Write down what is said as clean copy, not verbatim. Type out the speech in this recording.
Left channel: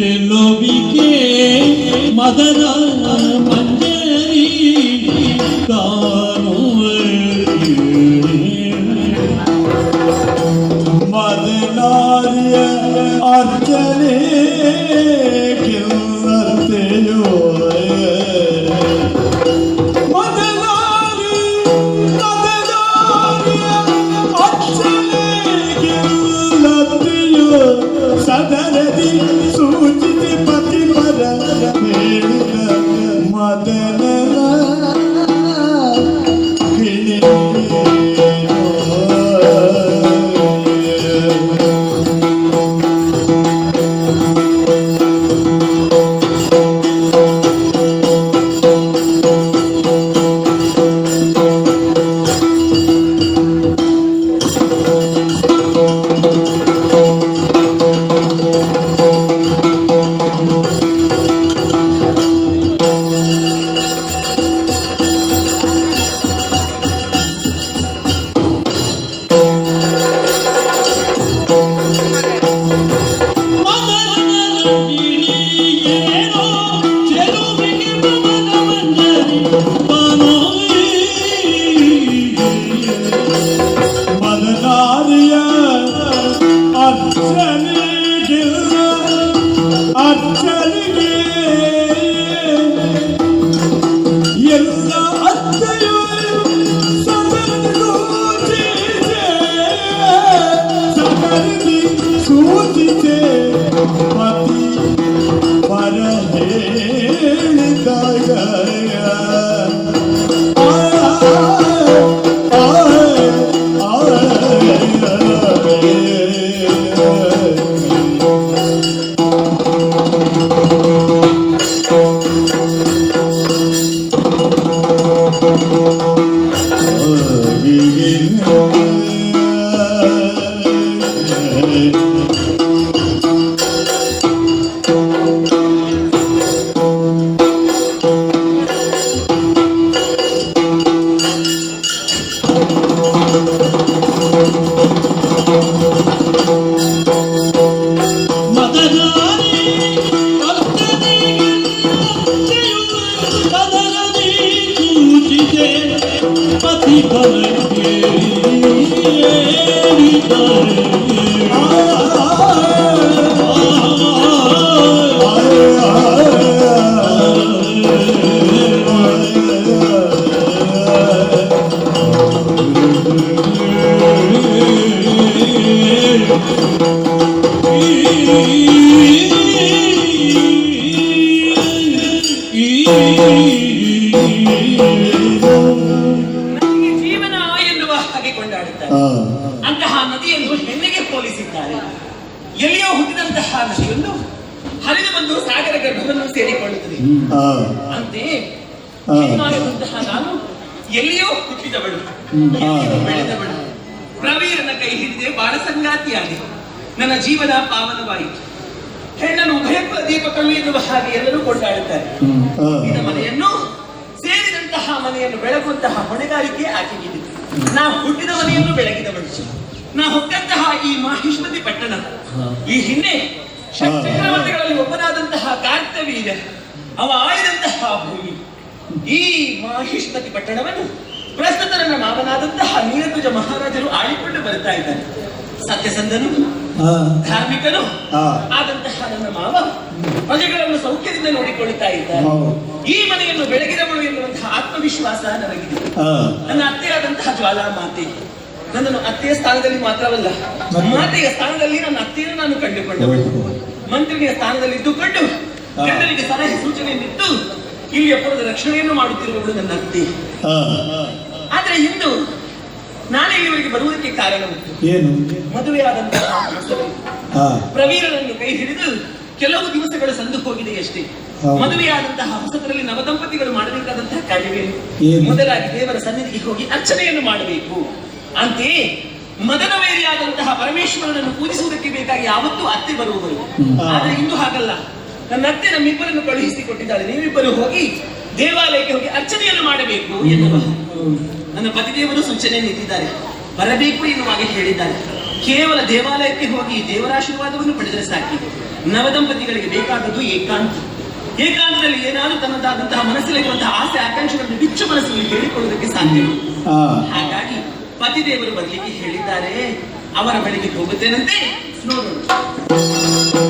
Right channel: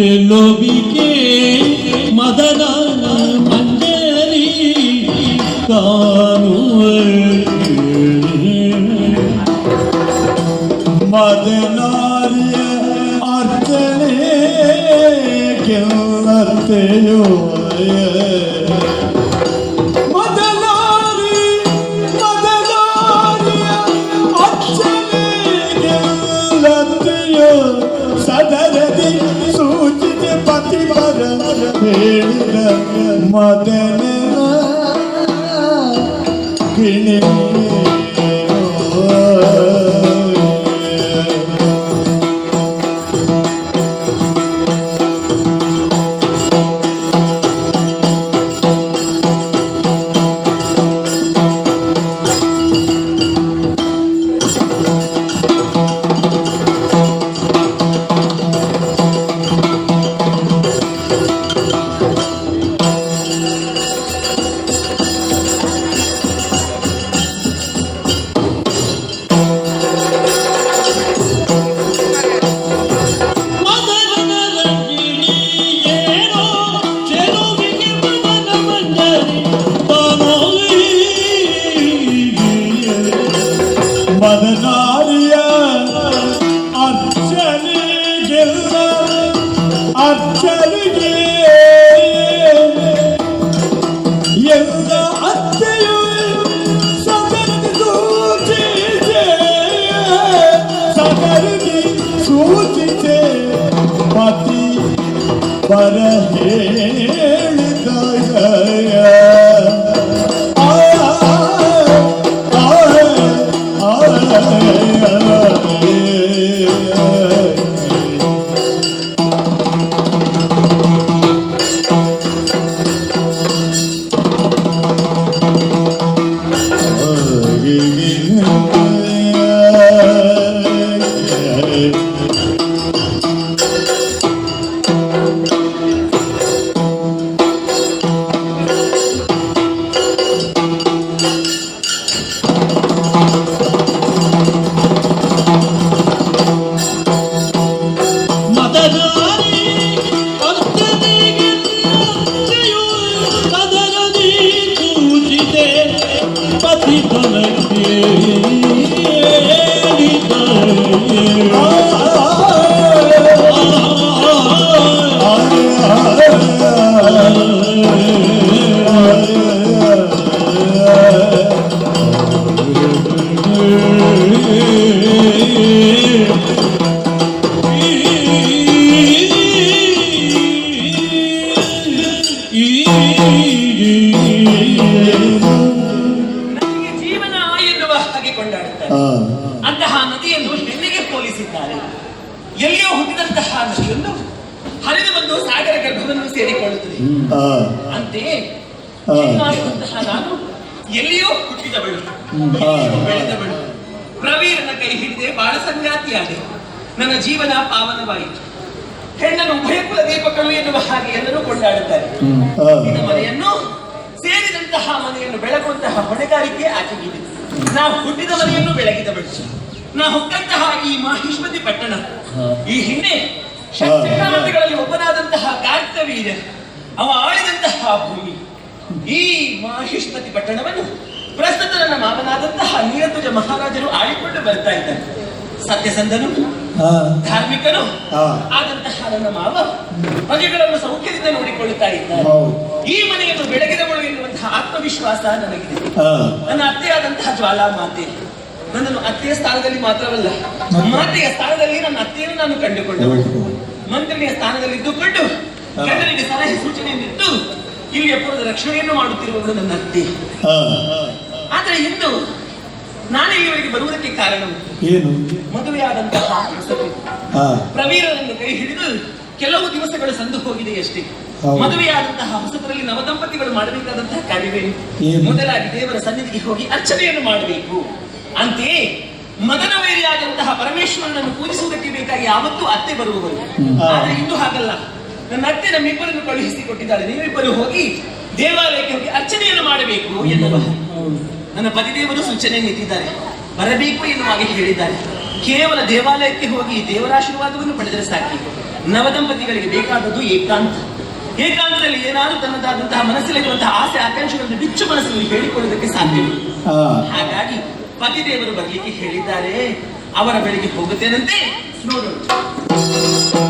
ಚೆಲುವಿಗೆ ಮದನ ಮಂಜರಿ ಕಾಣುವ ಮದನಾರ್ಯ ಅರ್ಚನೆ ಕೆಲ್ಲತೆಯೋ ಸದನದಿ ಸೂಚಿತ ಪತಿವರ ಹೇಳಿದ ಮದನ ನದಿಗೆ ಜೀವನ ಎನ್ನುವ ಹಾಗೆ ಕೊಂಡಾಡುತ್ತಾರೆ. ಅಂತಹ ನದಿಯನ್ನು ಹೆಣ್ಣಿಗೆ ಹೋಲಿಸಿದ್ದಾರೆ. ಎಲ್ಲಿಯೋ ಹುಟ್ಟಿದಂತಹ ನದಿಯನ್ನು ಹರಿದು ಬಂದು ಸಾಗರ ಗರ್ಭವನ್ನು ಸೇರಿಕೊಳ್ಳುತ್ತದೆ. ಅಂತೆಯೇ ಜೀವನಾಡುವಂತಹ ನಾನು ಎಲ್ಲಿಯೋ ಹುಟ್ಟಿದವಳು, ಎಲ್ಲಿಯೋ ಬೆಳೆದವಳು, ಪ್ರವೀರನ ಕೈ ಹಿಡಿದೆ ಬಾಳ ಸಂಗಾತಿಯಾದೆ. ನನ್ನ ಜೀವನ ಪಾವನವಾಯಿತು. ಹೆಣ್ಣನ್ನು ಉಭಯಕುಲ ದೀಪಕರು ಎನ್ನುವ ಹಾಗೆ ಎಲ್ಲರೂ ಕೊಂಡಾಡುತ್ತಾರೆ. ಹುಟ್ಟಿದ ಮನೆಯನ್ನು ಸೇರಿದಂತಹ ಮನೆಯನ್ನು ಬೆಳಗುವಂತಹ ಹೊಣೆಗಾರಿಕೆ ಆಕೆಗಿದೆ. ನಾವು ಹುಟ್ಟಿದ ಮನೆಯನ್ನು ಬೆಳಗಿದವಳು. ನಾ ಹೊಕ್ಕಂತಹ ಈ ಮಾಹಿಷ್ಮತಿ ಪಟ್ಟಣ, ಈ ಹಿಂದೆ ಚಕ್ರವರ್ತಿಗಳಲ್ಲಿ ಒಬ್ಬನಾದಂತಹ ಕಾರ್ಕವೀರ ಅವ ಆಳಿದಂತಹ ಭೂಮಿ. ಈ ಮಾಹಿಷ್ಮತಿ ಪಟ್ಟಣವನ್ನು ಪ್ರಸ್ತುತ ನನ್ನ ಮಾವನಾದಂತಹ ನೀರಧ್ವಜ ಮಹಾರಾಜರು ಆಳಿಕೊಂಡು ಬರ್ತಾ ಇದ್ದಾರೆ. ಸತ್ಯಸಂಧನು ಧಾರ್ಮಿಕನು ಆದಂತಹ ನನ್ನ ಮಾವ ಪ್ರಜೆಗಳನ್ನು ಸೌಖ್ಯದಿಂದ ನೋಡಿಕೊಳ್ಳುತ್ತಾ ಇದ್ದಾರೆ. ಈ ಮನೆಯನ್ನು ಬೆಳಗಿದವಳು ಎನ್ನುವಂತಹ ಆತ್ಮವಿಶ್ವಾಸ ನನಗಿದೆ. ನನ್ನ ಅತ್ತೆಯಾದಂತಹ ಜ್ವಾಲಾ ಮಾತೆ ನನ್ನನ್ನು ಅತ್ತೆಯ ಸ್ಥಾನದಲ್ಲಿ ಮಾತ್ರವಲ್ಲ, ಮಾತೆಯ ಸ್ಥಾನದಲ್ಲಿ ನನ್ನ ಅತ್ತೆಯನ್ನು ನಾನು ಕಂಡುಕೊಂಡವಳು. ಮಂತ್ರಿಯ ಸ್ಥಾನದಲ್ಲಿ ಇದ್ದುಕೊಂಡು ಗಂಡನಿಗೆ ಸಲಹೆ ಸೂಚನೆಯನ್ನಿತ್ತು ಇಲ್ಲಿಯ ಪುರದ ರಕ್ಷಣೆಯನ್ನು ಮಾಡುತ್ತಿರುವವಳು ನನ್ನ ಅತ್ತೆ. ಆದ್ರೆ ಇಂದು ನಾನೇ ಇವರಿಗೆ ಬರುವುದಕ್ಕೆ ಕಾರಣ ಮದುವೆಯಾದಂತಹ ಪ್ರವೀರನನ್ನು ಕೈ ಹಿಡಿದು ಕೆಲವು ದಿವಸಗಳು ಸಂದು ಹೋಗಿದೆ ಅಷ್ಟೇ. ಮದುವೆಯಾದಂತಹ ಹೊಸತರಲ್ಲಿ ನವದಂಪತಿಗಳು ಮಾಡಬೇಕಾದಂತಹ ಕಾರ್ಯವೇನು? ಮೊದಲಾಗಿ ದೇವರ ಸನ್ನಿಧಿಗೆ ಹೋಗಿ ಅರ್ಚನೆಯನ್ನು ಮಾಡಬೇಕು. ಅಂತೆಯೇ ಮದನವೇರಿಯಾದಂತಹ ಪರಮೇಶ್ವರನನ್ನು ಪೂಜಿಸುವುದಕ್ಕೆ ಬೇಕಾಗಿ ಯಾವತ್ತೂ ಅತ್ತೆ ಬರುವವರು. ಆದ್ರೆ ಇಂದು ಹಾಗಲ್ಲ. ನನ್ನ ಅತ್ತೆ ನಮ್ಮಿಬ್ಬರನ್ನು ಕಳುಹಿಸಿ ಕೊಟ್ಟಿದ್ದಾಳೆ. ನೀವಿಬ್ಬರು ಹೋಗಿ ದೇವಾಲಯಕ್ಕೆ ಹೋಗಿ ಅರ್ಚನೆಯನ್ನು ಮಾಡಬೇಕು ಎನ್ನುವ ನನ್ನ ಪತಿದೇವರು ಸೂಚನೆ ನೀಡಿದ್ದಾರೆ. ಬರಬೇಕು ಎನ್ನುವ ಹಾಗೆ ಹೇಳಿದ್ದಾರೆ. ಕೇವಲ ದೇವಾಲಯಕ್ಕೆ ಹೋಗಿ ದೇವರ ಆಶೀರ್ವಾದವನ್ನು ಪಡೆದರೆ ಸಾಕಿ. ನವದಂಪತಿಗಳಿಗೆ ಬೇಕಾದದ್ದು ಏಕಾಂತ. ಏಕಾಂತದಲ್ಲಿ ಏನಾದರೂ ತನ್ನದಾದಂತಹ ಮನಸ್ಸಲ್ಲಿರುವಂತಹ ಆಸೆ ಆಕಾಂಕ್ಷೆಗಳನ್ನು ಬಿಚ್ಚು ಮನಸ್ಸಿನಲ್ಲಿ ಹೇಳಿಕೊಳ್ಳುವುದಕ್ಕೆ ಸಾಧ್ಯ. ಆ, ಹಾಗಾಗಿ ಪತಿದೇವರು ಬರ್ಲಿಕ್ಕೆ ಹೇಳಿದ್ದಾರೆ. ಅವರ ಬಳಿಗೆ ಹೋಗುತ್ತೇನಂತೆ, ನೋಡೋಣ.